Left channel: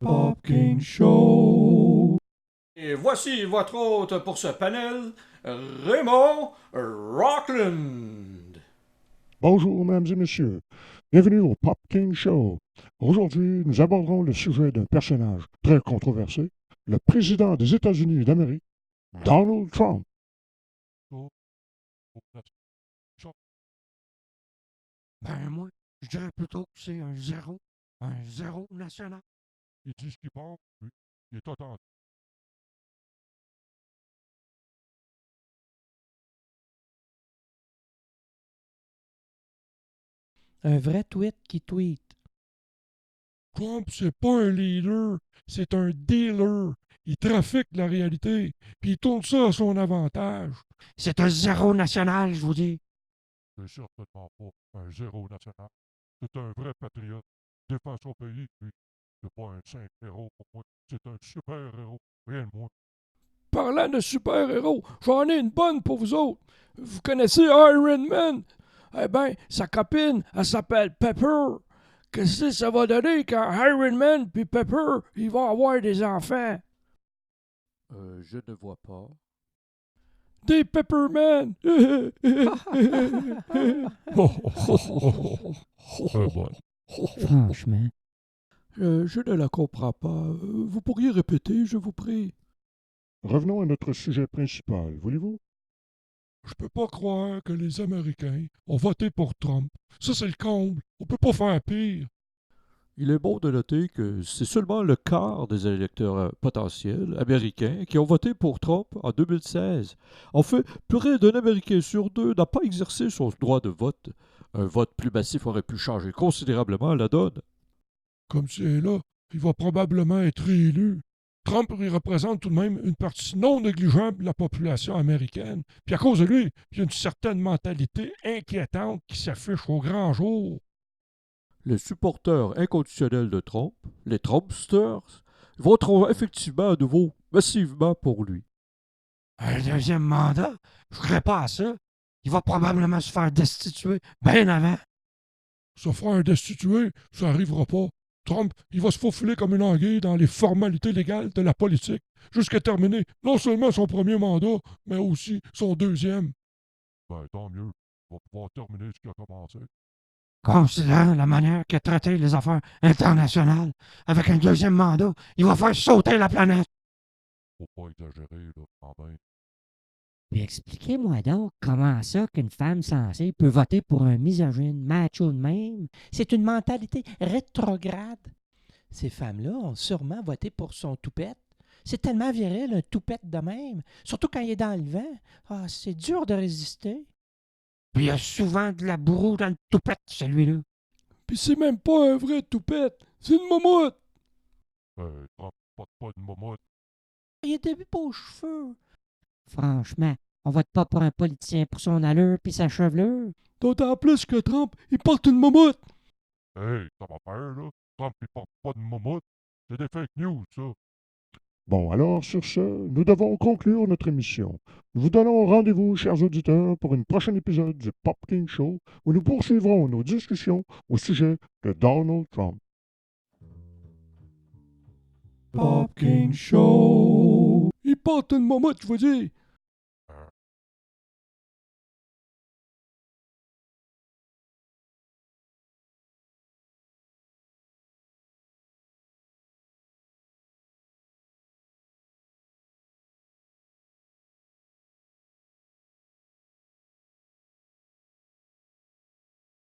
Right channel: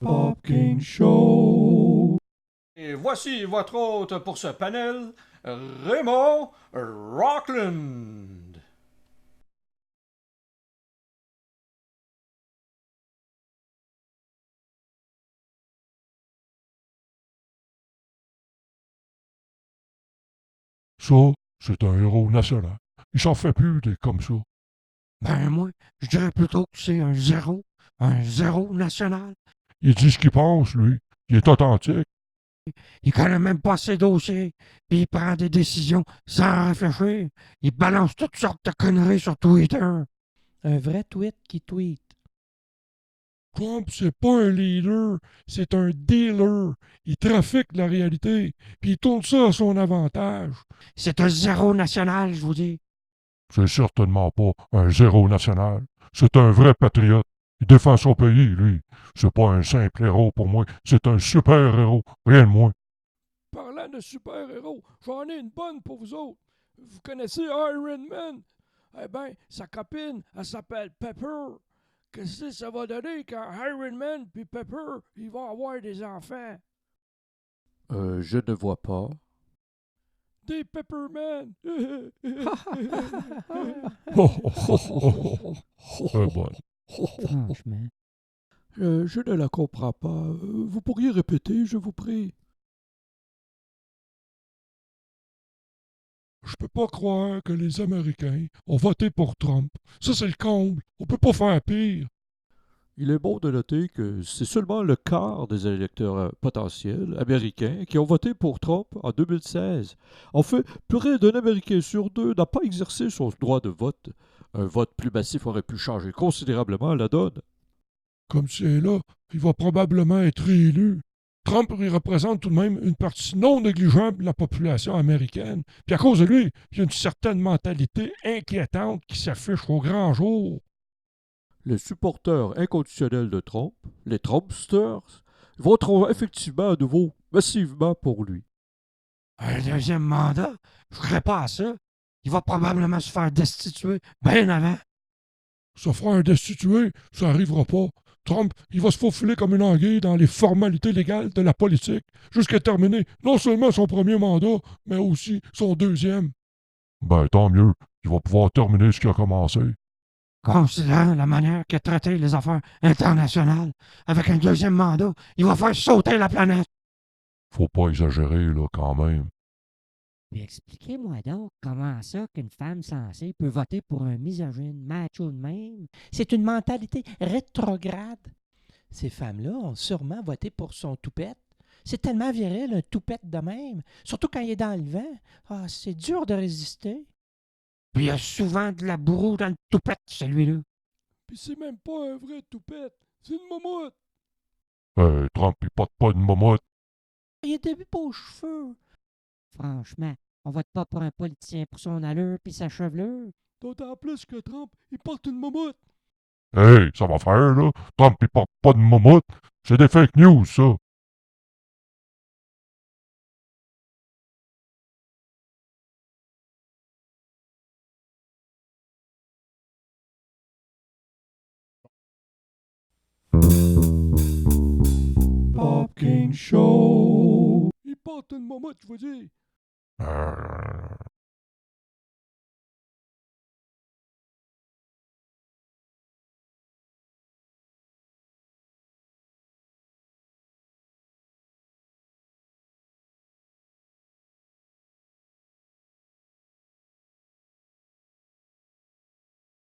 Pop King Show. Et voici votre hôte pour ce panel, Raymond Rockland. Bonjour, mesdames et messieurs. Bienvenue au Pop King Show. Aujourd'hui, nous aborderons le sujet d'un personnage très controversé, le président des États-Unis d'Amérique, Donald Trump. Ça, c'est un héros national. Il s'en fait plus des comme ça. Ben, moi, je dirais plutôt que c'est un zéro national. Il dit ce qu'il pense, lui. Il est authentique. Il connaît même pas ses dossiers, puis il prend des décisions sans réfléchir. Il balance toutes sortes de conneries sur Twitter. Un vrai tweet qui tweet. Trump, c'est pas un leader, c'est un dealer. Il trafique la réalité, puis il tourne ça à son avantage. C'est un zéro national, je vous dis. C'est certainement pas un zéro national. C'est un vrai patriote. Il défend son pays, lui. C'est pas un simple héros pour moi, c'est un super héros, rien de moins. Parlant de super-héros, j'en ai une bonne pour vous autres. Vous connaissez Iron Man? Eh ben, sa copine, elle s'appelle Pepper. Qu'est-ce que ça va donner quand Iron Man puis Pepper, ils vont avoir des enfants? Je ne vois pas. Des Pepperman! Bon. Franchement. Je ne la comprends pas. Vous pourriez répéter, je vous prie? Revenons à notre sujet principal, voulez-vous? Je peux pas croire que les Américains ont voté pour Trump. Ça, c'est le comble. On peut pas faire pire. Il est bon de noter que c'est seulement le quart des électeurs potentiels américains qui ont voté pour Trump en 2016. En fait, près d'un Américain sur deux n'a pas exercé son droit de vote. Un vote plus massif aurait pu changer considérablement la donne. Comme c'est là, il va probablement être réélu. Trump il représente tout de même une partie non négligeable de la population américaine. Puis à cause de lui, il y a une certaine mentalité inquiétante qui s'affiche au grand jour. Les supporters inconditionnels de Trump, les Trumpsters, voteront effectivement à nouveau massivement pour lui. Un deuxième mandat? Je ferais pas à ça. Il va probablement se faire destituer bien avant. Se faire destituer, ça arrivera pas. Trump, il va se faufiler comme une anguille dans les formalités légales de la politique, jusqu'à terminer non seulement son premier mandat, mais aussi son deuxième. Ben, tant mieux. Il va pouvoir terminer ce qui a commencé. Considérant la manière qu'a traité les affaires internationales, avec un deuxième mandat, il va faire sauter la planète. Faut pas exagérer, là, quand même. Puis expliquez-moi donc comment ça qu'une femme sensée peut voter pour un misogyne macho de même. C'est une mentalité rétrograde. Ces femmes-là ont sûrement voté pour son toupette. C'est tellement viril, un toupette de même. Surtout quand il est dans le vent. Ah, c'est dur de résister. Puis il y a souvent de la bourreau dans le toupette, celui-là. Puis c'est même pas un vrai toupette, c'est une momoute! Trump, il porte pas de momotte. Il est début aux cheveux. Franchement, on vote pas pour un politicien pour son allure puis sa chevelure. D'autant plus que Trump, il porte une momoute! Hey, ça va faire, là. Trump, il porte pas de momotte. C'est des fake news, ça. Bon, alors sur ce, nous devons conclure notre émission. Nous vous donnons rendez-vous, chers auditeurs, pour un prochain épisode du Pop King Show, où nous poursuivrons nos discussions au sujet de Donald Trump. Pop King Show. Il porte une momoute, je vous dis! Euh,